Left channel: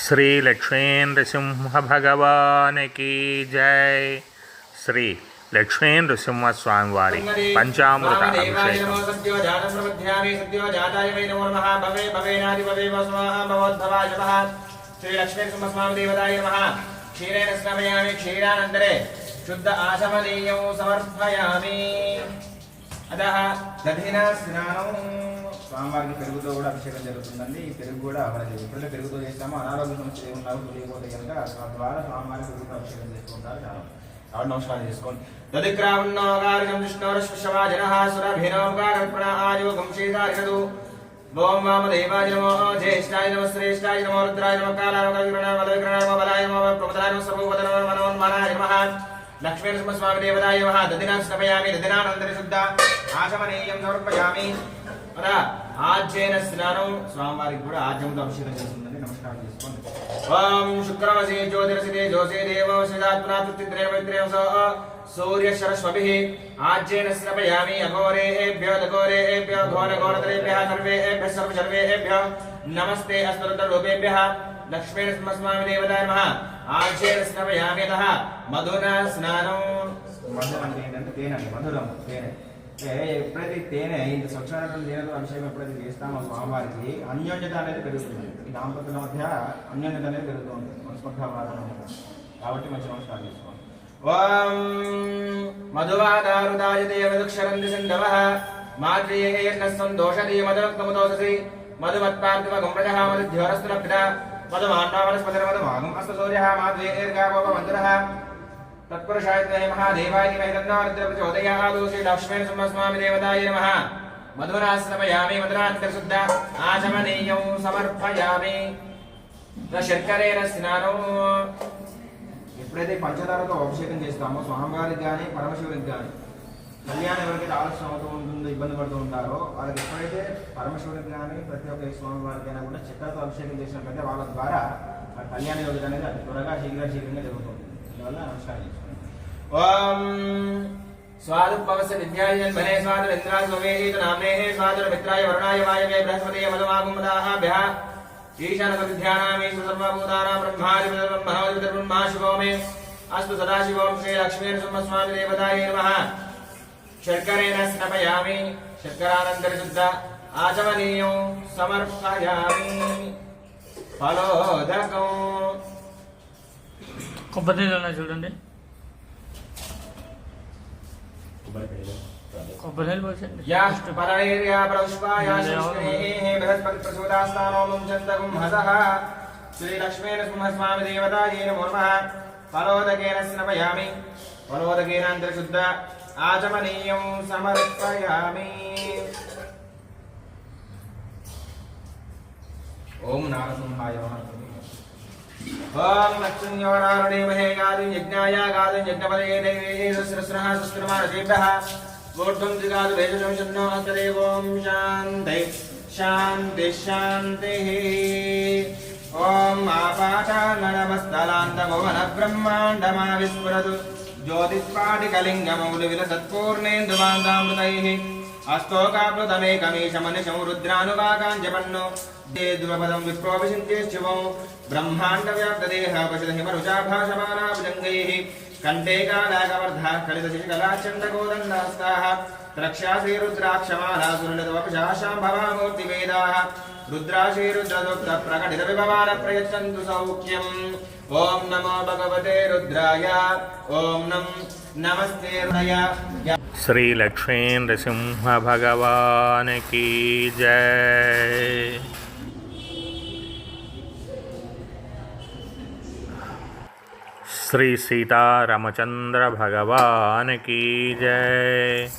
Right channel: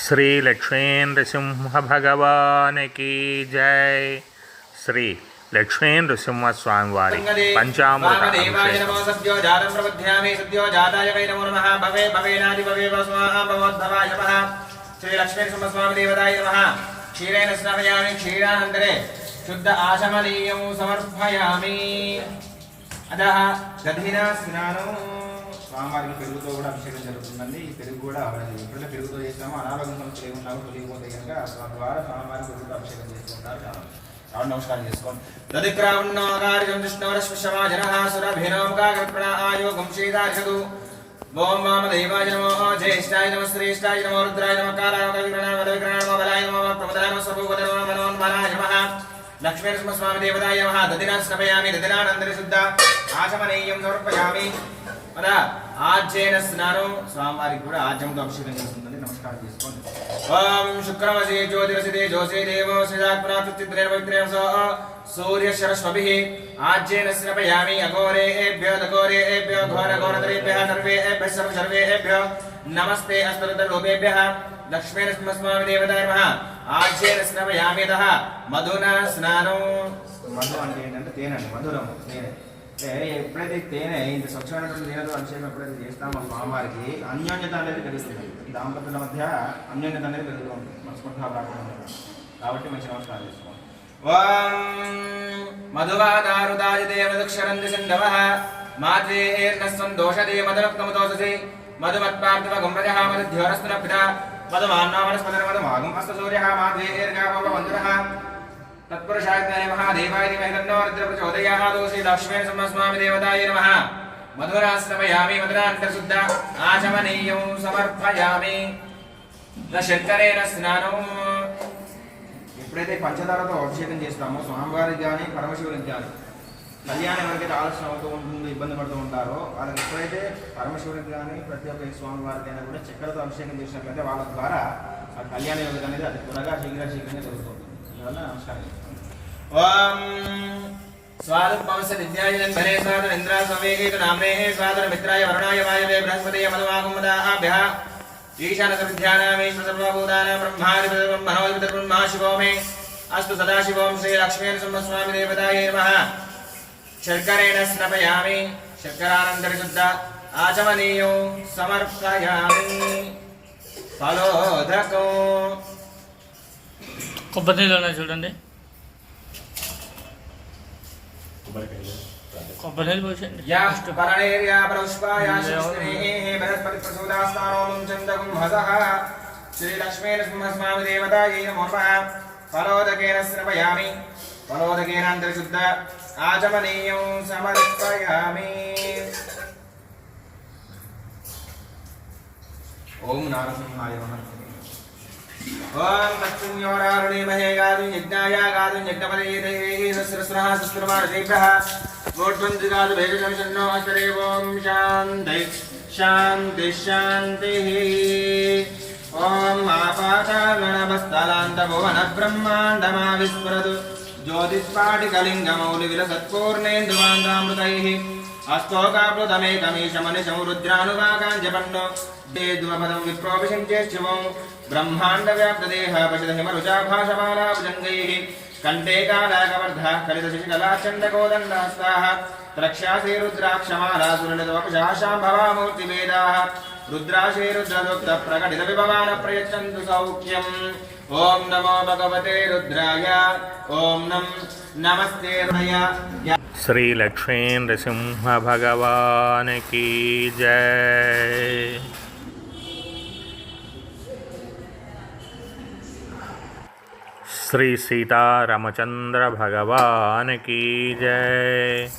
श्री लक्ष्मी नृसिंह भगवान की जय। श्री लक्ष्मी सिंह स्वामी वारी पंचामृत क्षीरेण स्नापयामि शुद्ध आशमनीयं समर्पयामि। అదహ భవేనాది దధిన స్నానం స్వామివారికి పెరుగుతో కూడా అభిషేకం జరుగుతుందండి. ఈ పెరుగు కూడా మనకి ఎప్పుడైనా పెరుగుతో చేస్తామో అనారోగ్య సమస్యలు ఏమి తెలియకపోతే కనుక ద్వారా స్వామివారి పెరుగుతో అభిషేకం చేసుకుంటారు చాలా. చాలా నమస్కారం చేసుకోండి. దదిక్రావణోకార్యం విష్ణోరశ్వశవా జనః ఓం వామదేవాయ నమో జ్యేష్ఠాయ నమ శ్రేష్ఠాయ నమో రుద్రాయ నమ కాలాయ నమ విగ్రహాయ నమ విగ్రహాయ నమ బలాయ నమ ప్రమదాయ నమ సర్వోపద నమ. మనోన్మనాయ లక్ష్మీ నరసింహస్వామి దేవతాయ నమః. దదినాన్ స్నపయామి దదినానందరి శుద్ధ. ఆశమనీయం సమర్పయామి. మన ఆజ్యేన స్నానం స్వామివారికి కూడా ఆజ్యంతో అభిషేకం చేస్తుందని నమస్కారం చేసుకోండి. ఓం శుక్రమసి జ్యోతిరసిదే జోసే దేవో శ్రీదాత్మనా తుత్తిద్రేణ పవిత్రేణ సో. సూర్య సరస్వభి ఆజ్యేన స్నపయామి అఘోరేభ్యో దఘోరేభ్యో ఘోర ఘోరతరేభ్య సర్వేభ్య సర్వ సర్వేభ్య నమస్తే అస్తరుద్రలోపేభ్యः లక్ష్మీ నరసింహస్వామి దేవతాయ నమః. మధున స్నానం. మధు అంటే ఏంటంటే తేనె అండి మధురము తేనె. అంటే ఎప్పుడైతే తేనె ఇంత స్వచ్ఛమైనటువంటి తేనెతో అభిషేకం ఎప్పుడైతే చేస్తామో స్వామివారికి అన్యోన్యత అనేది పెరుగుతుంది. ఈ దాంపత్యుల మధ్య అన్యోన్యత అనేది పెరుగుతూ ఉంటుంది మనస్పర్ధ రాకుండా. కాబట్టి మంచి నమస్కారం చేసుకోండి ఓం మధువాదారుదాయ దేవదక్షరంది సండవ మాత్రేర్నస్వం దోషదే మదరక్తమదోషసి మధుమత్పార్థవ మధుధ్యోరస్తున పిత మధుమాన్నావనస్పదర మధుమాగం అస్త సూర్యः మాధ్వేర్గామవ వందరः తత్పురుషాయ మహాదేవాయ ధీమహి తన్నో రుద్ర ప్రచోదయాత్ శ్రీ లక్ష్మీ నరసింహస్వామి దేవతాయ నమః మధురాశ్రమయామి మధురాంతర్శుద్ధ ఆచమనీయం సమర్పయామి నా శంకరేణ స్నానం ఎప్పుడైతే పంచదారతో అభిషేకం చేస్తామో స్వామివారికి కానీ పరమశివునికి కానీ కళ్యాణం ఎవరికైతే ఆలస్యం అవుతూ ఉంటుంది ఇబ్బంది పడుతూ ఉంటారో వాళ్ళకి ఎప్పుడైతే పరమశివునికి కానీ ప్రతి ఒక్క స్వామి వారికైనా కూడా చక్కెరతో అభిషేకం చేసినట్లయితే వాళ్ళ ద్వారా ఆ కళ్యాణ యోగం అనేది అది త్వరగా శీఘ్ర శీఘ్రంగా జరుగుతుంది అందువల్ల నమస్కారం చేస్తాను. ఓం స్వాదుపవస విద్యాయన్ భనే స్వాదర ఇంద్రా స్వమేహేతు నామ్నే స్వాదర మిత్రాయ వరుణాయ వాయవే బృహస్పతయ మధుమాగుమదాభ్యః ఈశాన సర్వధ్యానామేశ్వర సర్వభూతానాం బ్రహ్మాదిపతిర్బ్రహ్మ శర్కరేణ స్నపయామి శర్కరానందరిశుద్ధ ఆచమనీయం సమర్పయామి. ఫలోదకం. కొబ్బరి నీళ్ళు చూడండి. కొబ్బరి నీళ్ళు పోసండి పరణేర్యా ప్రౌష్పాయా సృష్టినేః బృహస్పతి ప్రసూదాస్తానో ముంచందగుం హసః. శ్రీ లక్ష్మీ నరసింహస్వామి దేవతాయే నమో నమః. ఫలోదకేన స్నపయామి ఆచమనీయం సమర్పయామి ఓం నారసింహాయ నమః ఓం లక్ష్మీయోరారుణీమహే గాదు యజ్ఞాయ గాదు యజ్ఞపదే దేవే సస్రస్రః సస్రమారసేభ్యः ఊర్ధ్వం దిగాదు భేజశంషన్నో అస్తరే ఓం శాంతి శాంతి శాంతి ఓం ఆపాతాళనమస్తలాంత భువన బ్రహ్మాండమా విస్ఫురదు జ్యోతిస్ఫాటికలింగమౌలి విలసత్పూర్ణేంద్రువాందామృతైః అస్తోకాప్లుతమేకమీశమనిశం రుద్రానువాకాంజపన్నో దేద్మపదం విప్రోభిషించేశివం బ్రహ్మాండ వ్యాప్తదేహ పశుత హిమరుచాభాషమాలా భుజంగైః కంఠే కాలాకవర్ధ रुद्राशीरुद्रदुग्ध प्रकटित विभवान रुद्राशीरुद्रप्रकटितविभवानप्रयच्छन्तु सौख्यम् ॐ नमो भगवते रुद्राय। ॐ नम नमस्ते श्री लक्ष्मीन्द्र सिंह भगवान की जय। श्री सीता रामचंद्र भगवान की जय।